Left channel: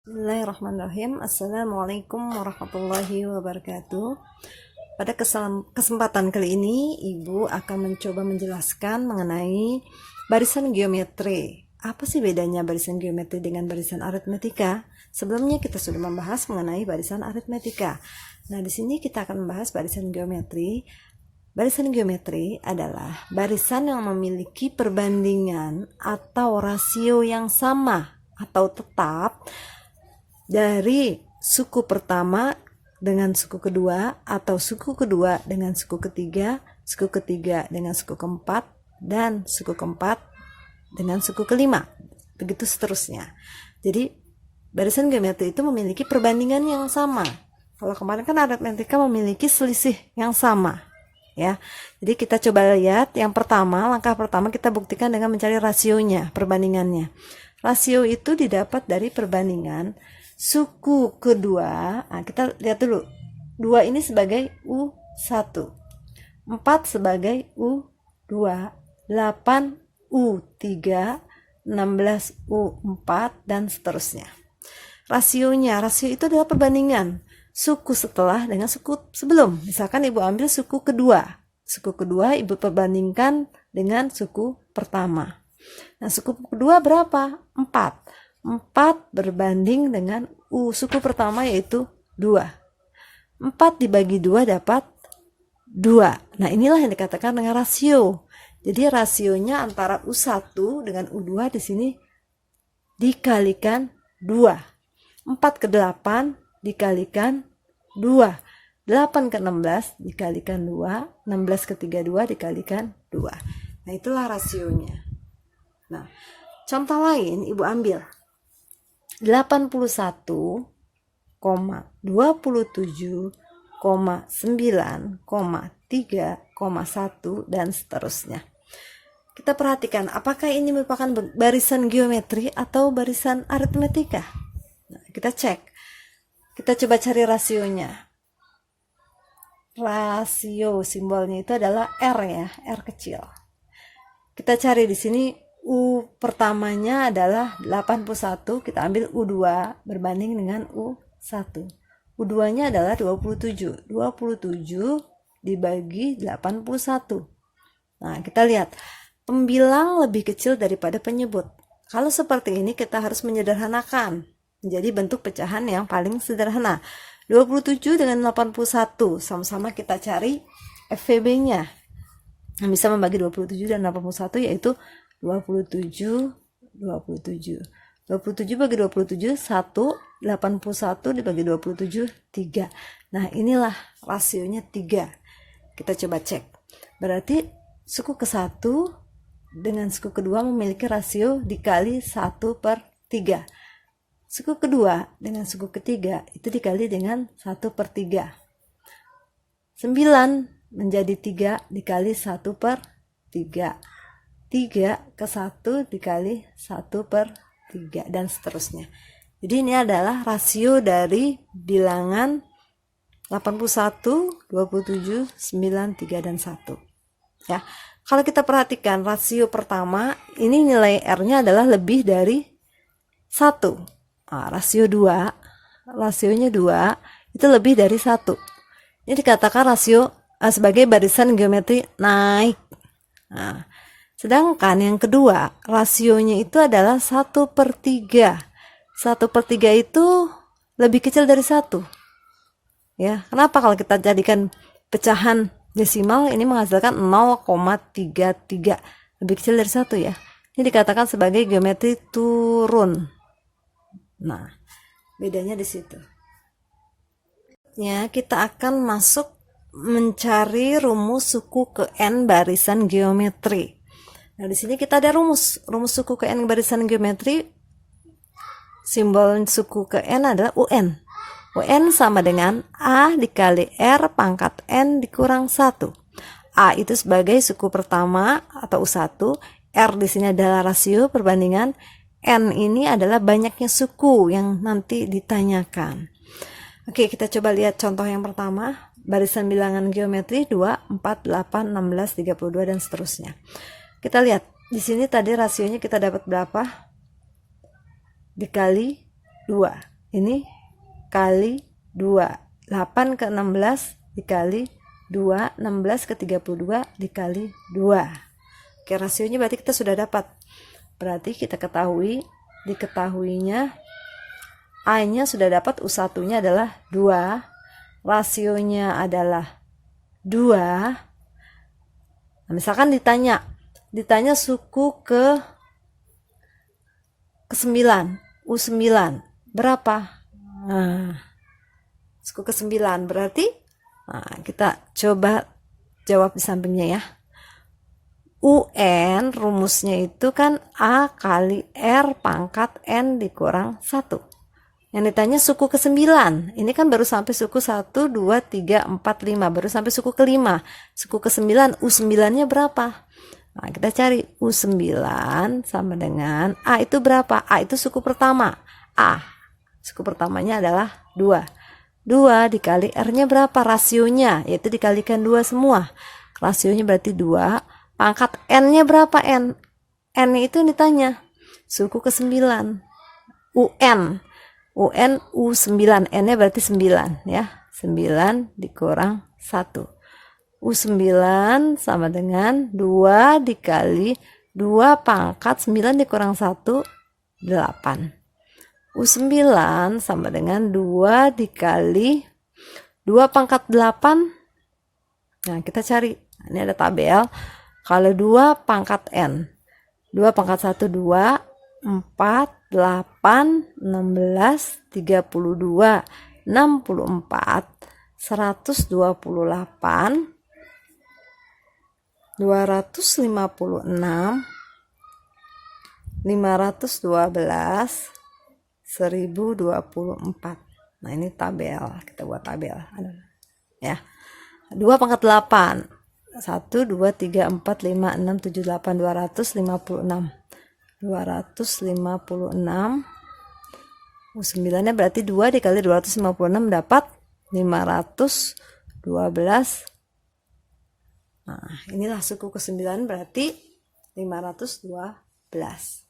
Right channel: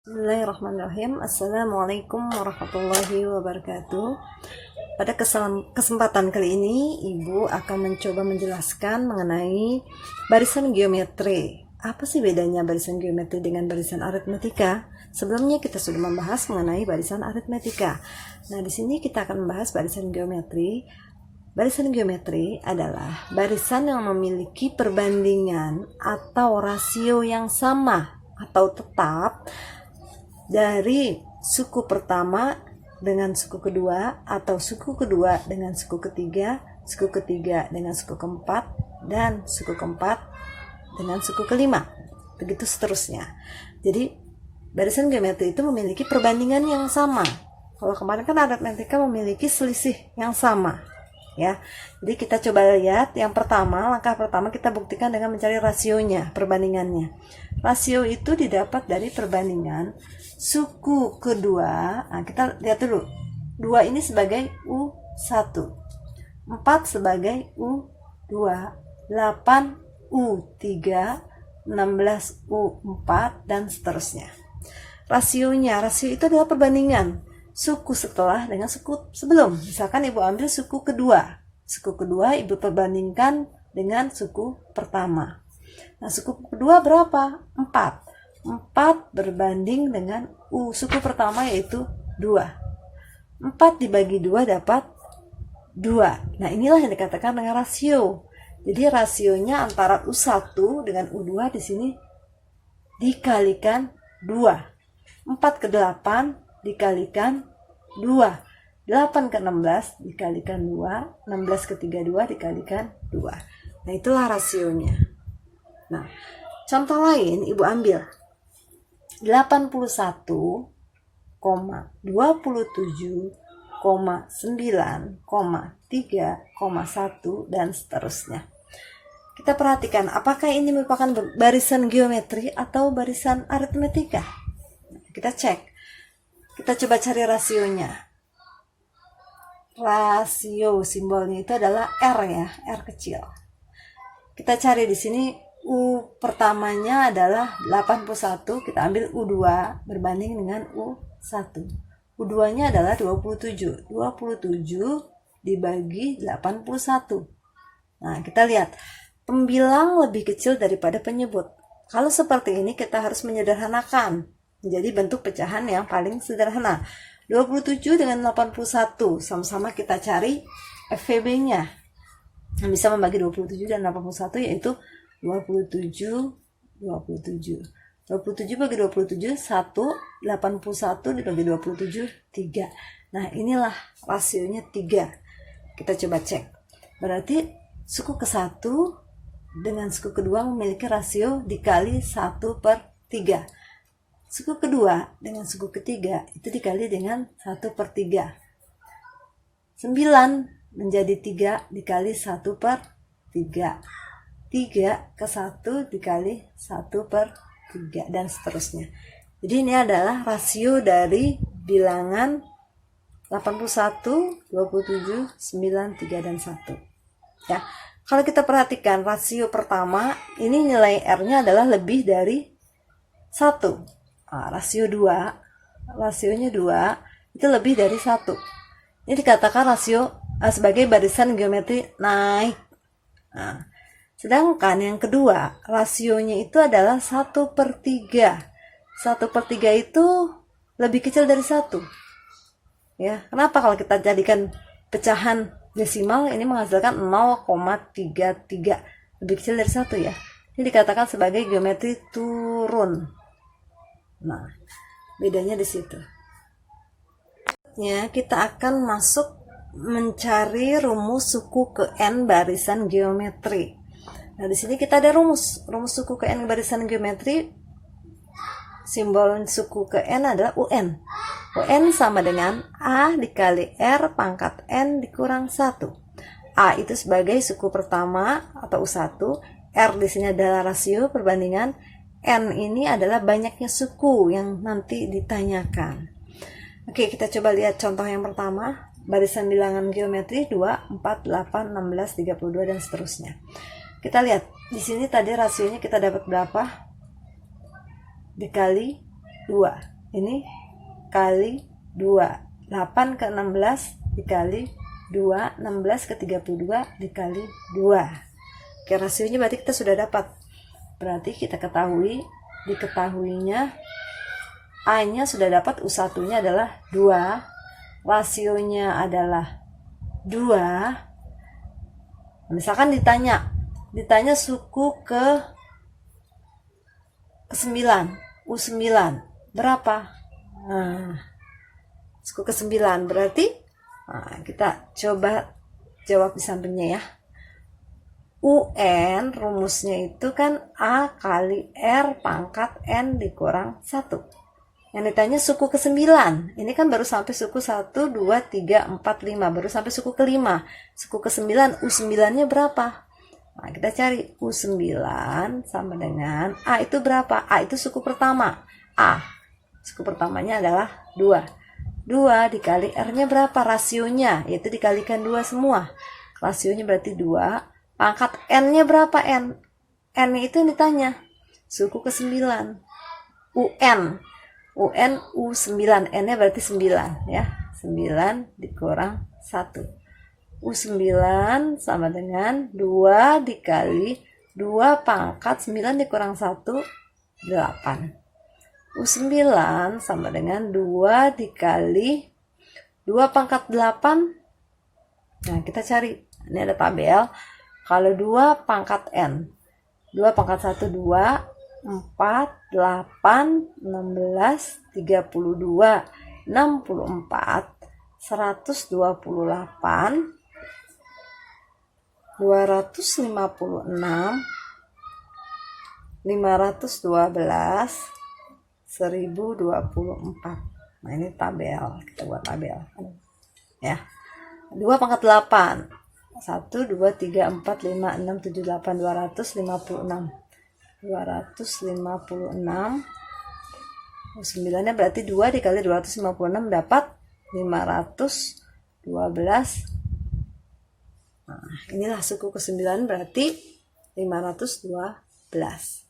Bismillahirrahmanirrahim. Assalamualaikum warahmatullahi wabarakatuh. Pada kesempatan kali ini, Ibu akan mencoba menjelaskan mengenai barisan geometri. Apa sih bedanya barisan geometri dengan barisan aritmetika? Sebelumnya kita sudah membahas mengenai barisan aritmetika. Nah, di sini kita akan membahas barisan geometri. Barisan geometri adalah barisan yang memiliki perbandingan atau rasio yang sama atau tetap dari suku pertama dengan suku kedua, atau suku kedua dengan suku ketiga dengan suku keempat, dan suku keempat dengan suku kelima, begitu seterusnya. Jadi barisan geometri itu memiliki perbandingan yang sama. Kalau kemarin kan aritmetika memiliki selisih yang sama, ya. Jadi kita coba lihat yang pertama, langkah pertama kita buktikan dengan mencari rasionya, perbandingannya. Rasio itu didapat dari perbandingan suku kedua. Nah, kita lihat dulu. 2 ini sebagai U1, 4 sebagai U2, 8 U3, 16 U4, dan seterusnya. Rasio itu adalah perbandingan suku setelah dengan suku sebelum. Misalkan Ibu ambil suku kedua. Suku kedua Ibu perbandingkan dengan suku pertama. Nah, suku kedua berapa? 4. 4 berbanding dengan suku pertama, yaitu 2. 4 dibagi 2 dapat 2. Nah, inilah yang dikatakan dengan rasio. Jadi rasionya antara U1 dengan U2 di sini dikalikan 2. 4 ke 8 dikalikan 2. 8 ke 16 dikalikan 2. 16 ke 32 dikalikan 2. Nah, itulah rasionya. Nah, contoh lain Ibu ambil 81,27,9,3,1 dan seterusnya. Kita perhatikan apakah ini merupakan barisan geometri atau barisan aritmetika. Nah, kita cek. Kita coba cari rasionya. Rasio simbolnya itu adalah R, ya, R kecil. Kita cari di sini U pertamanya adalah 81, kita ambil U2 berbanding dengan U1. U2-nya adalah 27. 27 dibagi 81. Nah, kita lihat pembilang lebih kecil daripada penyebut. Kalau seperti ini kita harus menyederhanakan menjadi bentuk pecahan yang paling sederhana. 27 dengan 81 sama-sama kita cari FVB-nya. Yang bisa membagi 27 dan 81 yaitu 27 bagi 27 1, 81 dibagi 27 3. Nah, inilah rasionya 3. Kita coba cek. Berarti suku ke-1 dengan suku kedua memiliki rasio dikali 1/3. Suku kedua dengan suku ketiga itu dikali dengan 1/3. 9 menjadi 3 dikali 1/3. 3 ke 1 dikali 1/3 dan seterusnya. Jadi ini adalah rasio dari bilangan 81, 27, 9, 3, dan 1. Ya. Kalau kita perhatikan rasio pertama, ini nilai R-nya adalah lebih dari 1. Nah, rasionya 2 itu lebih dari 1. Ini dikatakan rasio sebagai barisan geometri naik. Nah, sedangkan yang kedua, rasionya itu adalah 1/3. 1/3 itu lebih kecil dari 1. Ya, kenapa kalau kita jadikan pecahan desimal ini menghasilkan 0,33. Lebih kecil dari 1, ya. Ini dikatakan sebagai geometri turun. Nah, bedanya di situ. Ya, kita akan masuk mencari rumus suku ke N barisan geometri. Nah, di sini kita ada rumus suku ke N barisan geometri. Simbol suku ke N adalah UN. UN sama dengan A dikali R pangkat N dikurang 1. A itu sebagai suku pertama atau U1, R di sini adalah rasio perbandingan, N ini adalah banyaknya suku yang nanti ditanyakan. Oke, kita coba lihat contoh yang pertama. Barisan bilangan geometri 2, 4, 8, 16, 32 dan seterusnya. Kita lihat di sini tadi rasionya kita dapat berapa? Dikali 2. ini kali 2. 8 ke 16 dikali 2, 16 ke 32 dikali 2. Oke, rasionya berarti kita sudah dapat. Berarti kita diketahuinya A-nya sudah dapat, U1-nya adalah 2, rasionya adalah 2. Misalkan ditanya suku ke 9, U9 berapa? Suku ke 9 berarti kita coba jawab di sampingnya ya. UN rumusnya itu kan A kali R pangkat N dikurang 1. Yang ditanya suku ke-9. Ini kan baru sampai suku 1, 2, 3, 4, 5. Baru sampai suku ke-5. Suku ke-9, U9-nya berapa? Nah, kita cari U9 sama dengan A itu berapa? A itu suku pertama. A. Suku pertamanya adalah 2. 2 dikali R-nya berapa? Rasionya, yaitu dikalikan 2 semua. Rasionya berarti 2. Pangkat N-nya berapa N? N itu yang ditanya. Suku ke-9. UN U9, N-nya berarti 9 ya. 9 dikurang 1. U9 sama dengan 2 dikali 2 pangkat 9 dikurang 1, 8. U9 sama dengan 2 dikali 2 pangkat 8. Nah, kita cari. Ini ada tabel. Kalau 2 pangkat N. 2 pangkat 1, 2. 4, 8, 16, 32, 64, 128, 256, 512, 1024. Nah, ini tabel. Kita buat tabel. Ya. 2 pangkat 8. 1, 2, 3, 4, 5, 6, 7, 8, 256. 256. 9-nya berarti 2 dikali 256 dapat 512. Nah, inilah suku ke-9 berarti 512.